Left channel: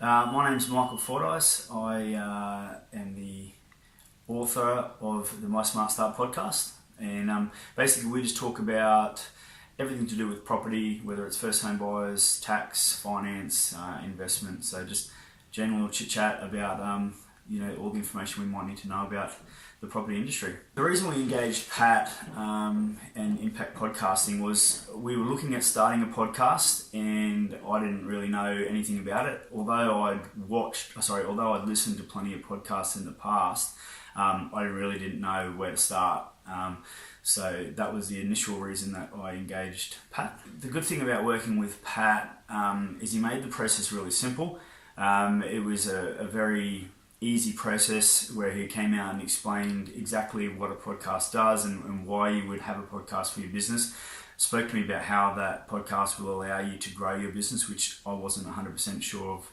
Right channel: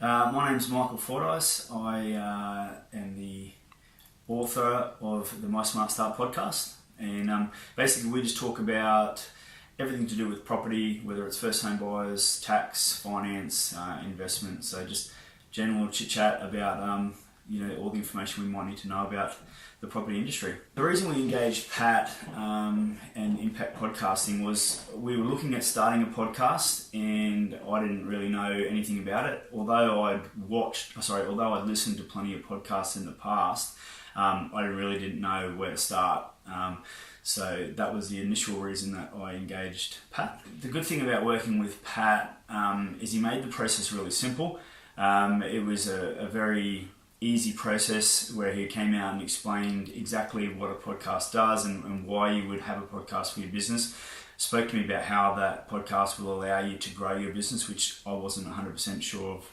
My name's Michael Fordyce. I am the author of the MySmartStart podcast, and basically we just talk about everything to do with property, whether it's first home buyers, tax, finance, investment. So just general chit chat about all the information we might need to know about the property industry. The reason we engaged Pat and Impact Podcasting was we were looking at starting a podcast, and I didn't really know anything about it. Although I'd listened to plenty of podcasts in the past, I really didn't know where to start. So that was the initial reason that I engaged Pat. The good thing about working with Pat is he made the process really simple. It was a very easy process where he came out and explained exactly what a podcast does and why you would have a podcast for your business. Spoke to me about how that podcast will allow you to grow your business, which I wasn't 100% sure of,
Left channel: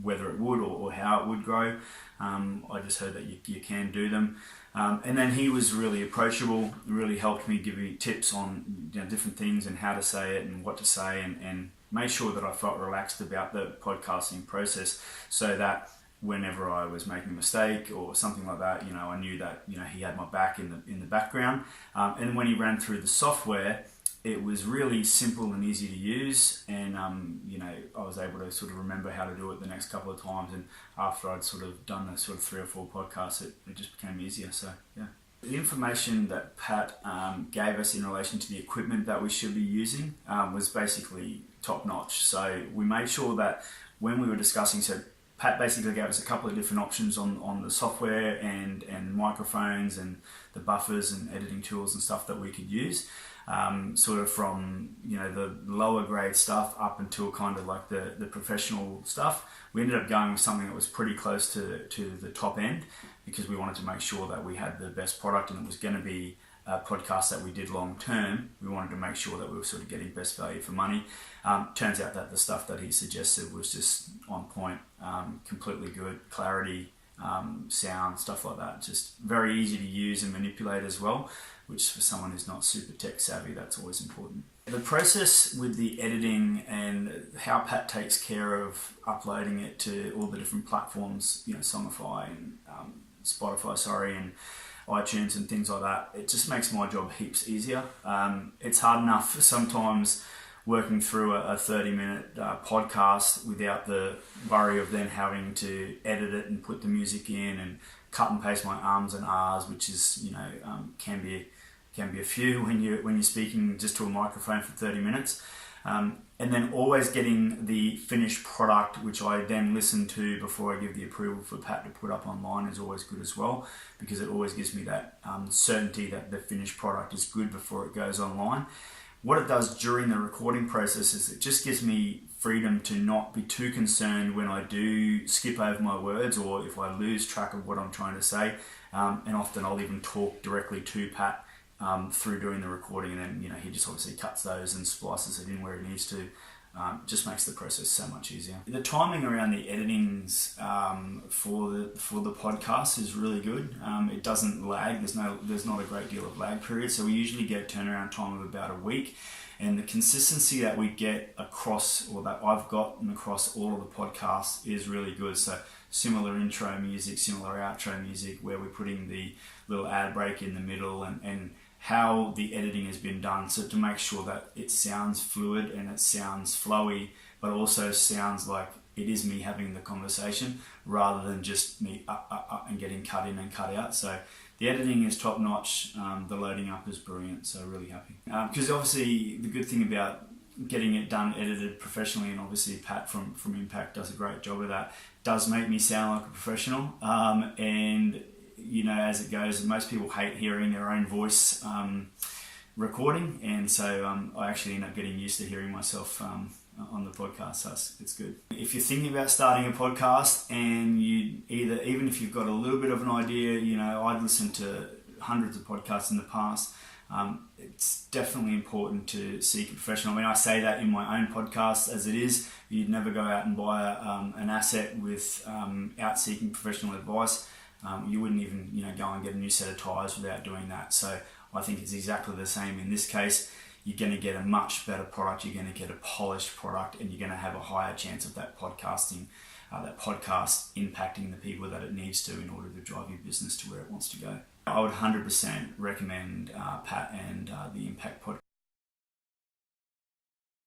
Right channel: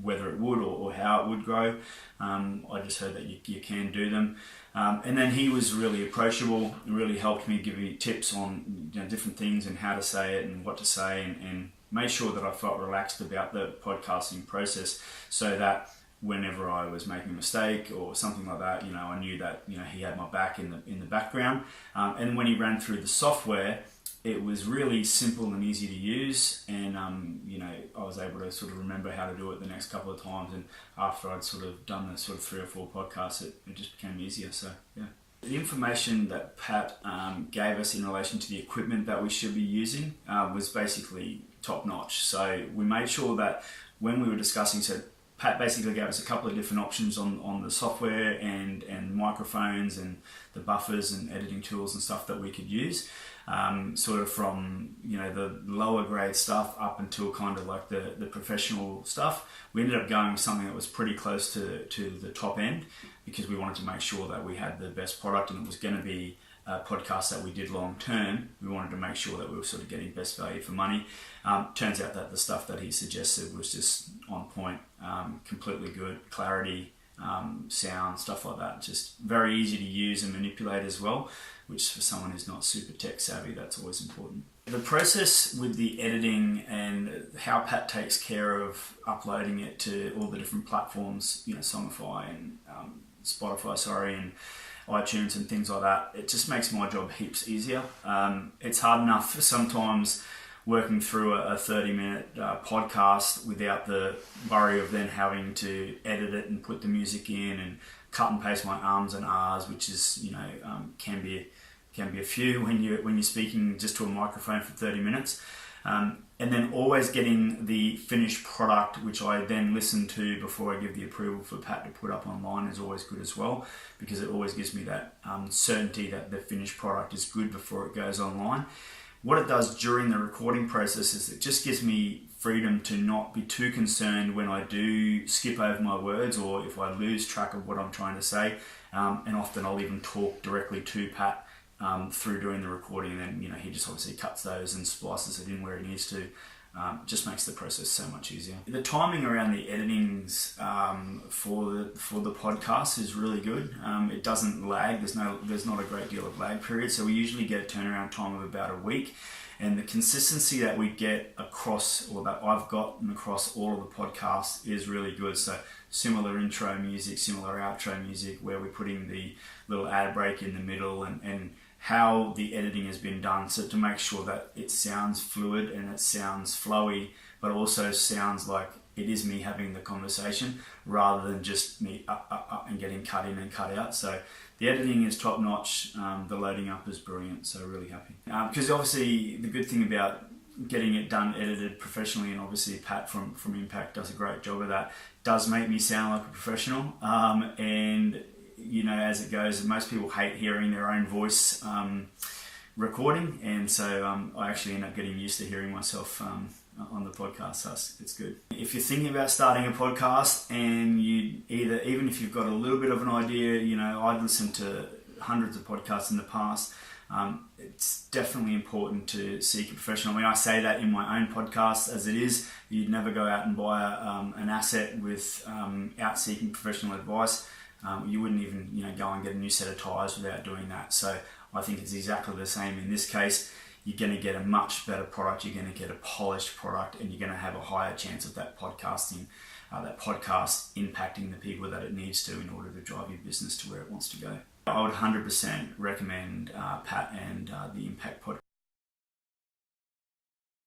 whether it would or how it would grow. I just heard that you can do them. And then he was really approachable, really helped me, give me tips on different things and how to say it and what to say, and made sure that I felt relaxed about the podcasting process, so that whenever I was making a mistake or something like that, I knew that he had my back in the background. And when he ran through the software, it was really simple and easy to use, and I was able to sort of remember how to do it the next couple of times. And after I'd sort of done the sort of 3 or 4 podcasts, it just became easier. So yeah, the information that Pat gave us in relation to the equipment that we should be using was basically top notch. So we made sure that when we were discussing, Pat basically gave us a couple of different options on the software and microphones and the buffers and editing tools and stuff that we could use, sort of from the lower grade stuff up until kind of like the professional stuff. We ended up going with something that was pretty close to the top end, because we wanted to make sure that we had the best product, and it was going to be a podcast that we did long term. We wanted to make sure that we were sort of getting best value for money. Turns out that the stuff that he suggested was just on point, completely good, clarity, sound, stuff like that. Just very easy to use and manipulate as well, which for someone who's not super tech savvy, that's always important. The process with the editing and how Pat takes care of uploading it to all the different platforms, Songify and Spotify, and iTunes and things like that, it just makes my job heaps easier. It's hard enough sometimes working through a 30-minute podcast without the worry of then having to edit it and put the music in and cut and paste my ums and ahs, which is can be a few when you're speaking just to a microphone for 30 minutes. And then always getting the finished product, which I then listen to before I give the approval for Pat to put up online, is always good as well, because it always gives me that certainty that the finished product is good before it goes online. What it does during the recording process is it just gives me freedom to not be too concerned when I do skip over my words, or if I lose track of what I'm trying to say. And often I'll even talk directly to Pat through doing the recording, and then he just obviously cuts those and splices it in where he needs to. Just makes the process so much easier. The timing around the editings for the podcast is really good. It doesn't lag. There's not a great deal of lag period, so we usually get a turnaround time of about a week. And the consistency that we get across, or that I've gotten across all of the podcasts, is really good. So similar intro music, similar outro music, where we're putting the little ad break in the middle, and how the editing has been done, so to make sure that it sounds fluid and it sounds flowy, but also sounds like it is me having the conversation rather than just me up and getting cut in and cut out. So the editing is top notch, the loading up is brilliant, so really happy. Because obviously the good thing about getting it done, edited professionally, and obviously Pat from Impact does a great job of that, does make me sound like a professional, and as it goes, most people hate hearing their own voice recording, and so I actually end up getting used to hearing myself on the podcast, so it's good. If you're thinking about starting a podcast, and even if you've got a little bit of an idea, I've listened to hundreds of podcasts in the past, it's definitely important to seek a professional. I mean, I say that in my own podcast as it is. You'd never go out and buy an asset without seeking professional advice. You wouldn't even go and get a new set of tyres without doing that. So I think it's exactly the same in this case. You're going to get a much better product, you're going to get a polished product, and you're going to have a higher chance of that podcasting that podcast impacting the people that it needs to in order to drive your business to where it wants to go. I would 100% recommend Pat and the Impact Podcast.